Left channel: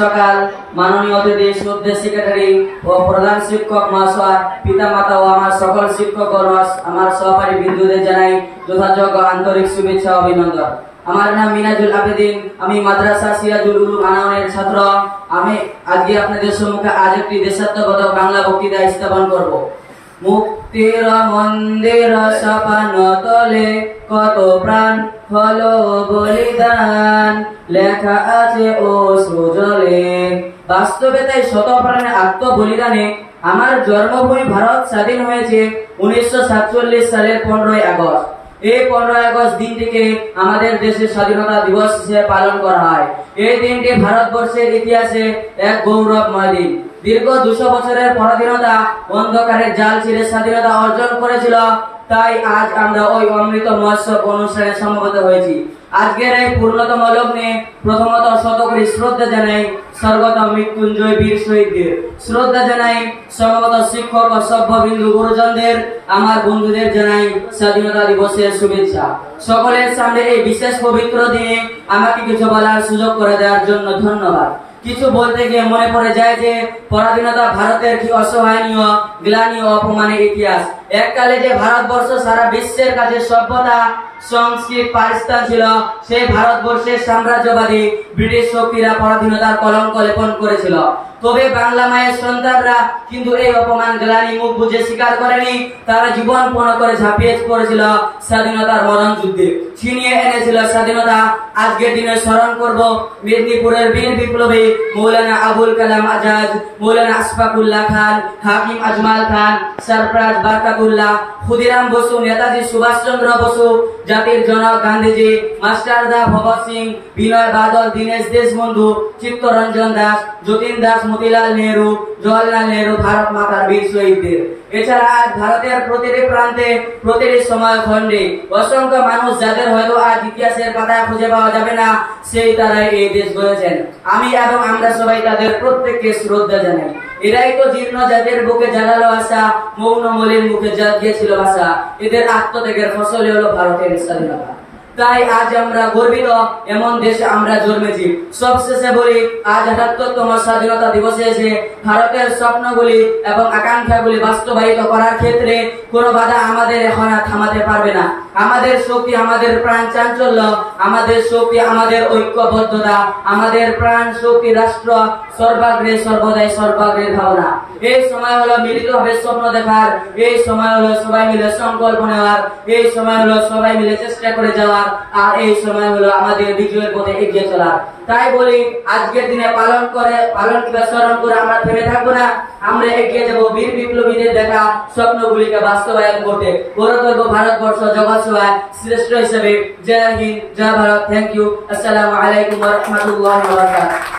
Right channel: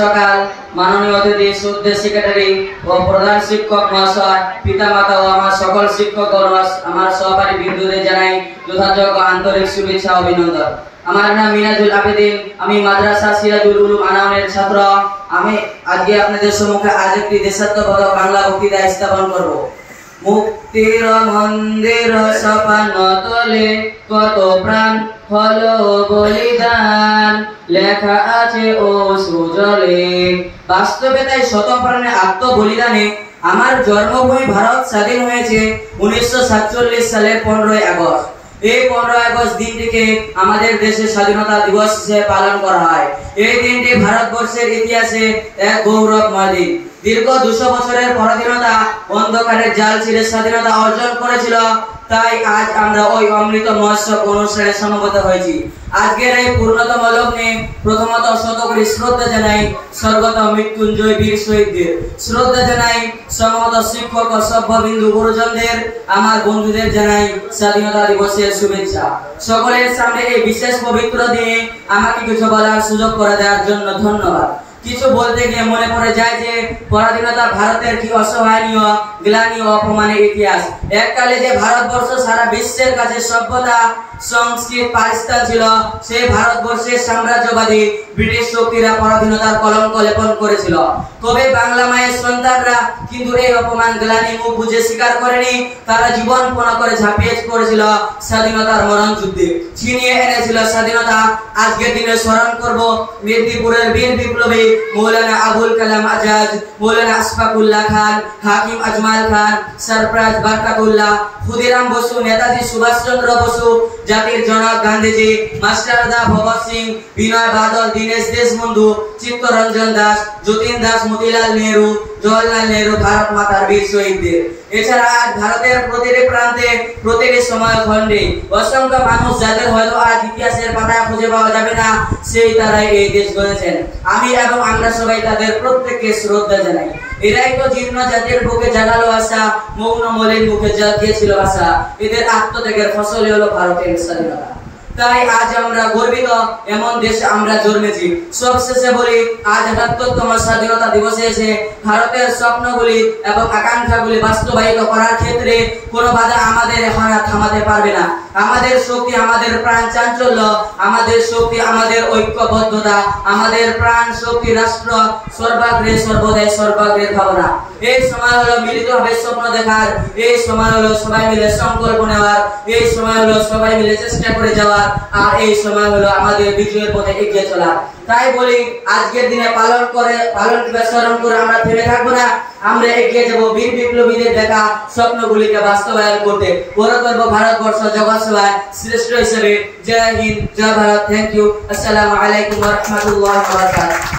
সকাল মাননীয় অতিথি শ্রদ্ধেয় সেক্রেটারি ও প্রধান শিক্ষক মহাশয়, পিতামাতা ও আমার সকল শিক্ষকগণ, আমার সহকারী বিন্দুদের জানাই যথাযোগ্য আন্তরিক শুভেচ্ছা ও অভিনন্দন। আমার নাম মিনাজুল আবেদিন, আমি মাদ্রাসা সিরাজুল উলুম আনাউনের ছাত্র। আমি আজকে আপনাদের সম্মুখে আজ একটি দেশাত্মবোধক বাংলা বক্তৃতা স্থাপন করব। মুক্তির মন্দির সপান তলে কত প্রাণ হলো বলিদান, লেখা আছে ও সুজলে। বাস্তবে তাই শত প্রাণে আত্মবলিদানে আমার জন্মভূমি ভারত স্বাধীন হয়েছে 1947 সালের 15ই আগস্ট। এই 15 আগস্ট দিনটিকে আমাদের দেশের স্বাধীনতা দিবস হিসেবে পালন করা হয়। এই দিনটি ভারতবর্ষের ইতিহাসে এক গৌরবময় দিন। দীর্ঘ 200 বছরের পরাধীনতা অন্ধকারের জাল ছিঁড়ে স্বাধীনতা অর্জন করেছিল। তাই আজ আমরা ওই অমৃত মহোৎসব অনুষ্ঠানে সমবেত হয়েছি। আজকের এই পূর্ণতম লগ্নে প্রথমত শতকোটি শ্রদ্ধা জানাই স্বর্গত মৃত্যুঞ্জয় বীর শহীদদের, শ্রদ্ধা জানাই সমবেত শিক্ষক ও সভ্যবিন্দু গুরুজনদের, আমার বন্ধুদের জানাই স্বাধীনতা দিবসের শুভেচ্ছা। সকলের সামনে এই বিশেষ পবিত্র দিনে আমাকে কিছু বলার সুযোগ করে দেওয়ার জন্য ধন্যবাদ। কিছু বলতে গিয়ে মনে পড়ে যায় যে পরাধীনতা ভারতের কি অসহায়নীয় গ্লানি ও অপমানের ইতিহাস। এককালে যে ভারতবর্ষ সারা বিশ্বের কাছে সভ্যতা সংস্কৃত পাকিস্তান ছিল, সেই ভারতবর্ষের সাম্রাজ্যবাদী ব্রিটিশ শক্তিরা পরাধীনতার কলঙ্ক লেপন করেছিল। তবে বাংলা মায়ের সন্তানরা কিন্তু এই অপমান গ্লানি মুখ বুঝে স্বীকার করেনি। তারা জীবন পণ করে ঝাঁপিয়ে পড়েছিল স্বাধীনতার মরণ যুদ্ধে, ছিনিয়ে এনেছিল স্বাধীনতা। আজকের দিনে স্মরণ করব মেদিনীপুরের বীর বিপ্লবী মৌলানা আবুল কালাম আজাদ, মৌলানা আশফাকুল্লাহ খান, হাকিম আজমাল খান, সরফরাজ বারকাতুল্লাহ, ক্ষুদিরাম বসু, নেতাজি সুভাষচন্দ্র বসু, জাতির জনক গান্ধীজি, মাস্টারদা ভগৎ সিং, বিনয় বাদল, দীনেশ দেশবন্ধু, চিত্তরঞ্জন দাস, যতীন দাস, মতিলাল নেহরু, জওয়াহরলাল নেহরু, ভারত মাতার বীর শহীদদের। এছাড়া আজ ভারতের প্রতিটি প্রান্তে প্রতিটি সময় খণ্ডে অসংখ্য মানুষ যাদের হয়তো আজ ইতিহাসের পাতায় খুঁজে পাওয়া যাবে না, সেই তারাই এই দেশ গড়েছেন। আমি এবং আমরা সবাই তাদের প্রত্যেককে শ্রদ্ধা জানাই। এরাই তো জীর্ণ জাতির বুকে জাগালো আশা, মৌন মলিন মুখে জাগিয়েছিল ভাষা। এদের আত্মত্যাগের ফসল হলো ভারতের স্বাধীনতা। তাই আজ আমরা গর্বিত এমন দেশে আমরা জন্মেছি। সবশেষে বলি, আজ ৭৮তম স্বাধীনতা দিবসে এসে ভারতের স্বপ্নগুলি এবং আকাঙ্ক্ষাগুলি বাস্তবায়িত করার ক্ষেত্রে কোনো বাধা আমাদের এখন আর থামাতে পারবে না। আমাদের শক্তি, আমাদের প্রাণ চাঞ্চল্য, আমাদের শক্তি, আমাদের ঐক্যবদ্ধতা, আমাদের প্রাণ শক্তি রাষ্ট্র সর্বাগ্রে সর্বদাই সর্বাগ্রের ভাবনা। এই সময় হলো মিলিতভাবে স্বপ্ন দেখার, এই সময় হলো সবাই মিলে সংকল্প নেওয়ার, এই সময় হলো সবাই মিলে চেষ্টা করে যাওয়ার, আর এই সময় হলো আমাদের বিজয়ের পথে এগিয়ে চলার। তাই বলি, আজকের দিনে পালন স্মরণ করে আমরা থেমে থাকবো না। আমরা এগিয়ে যাব বীর বিপ্লবীদের দেখা স্বপ্নগুলিকে বাস্তবায়ন করতে। গড়ে তুলব ভারতবর্ষ জগৎ সেবায় শ্রেষ্ঠ হিসেবে। জয় হিন্দ, জয় ভারত। Thank you. আসসালামু আলাইকুম ওয়া রাহমাতুল্লাহি ওয়া বারাকাতুহু।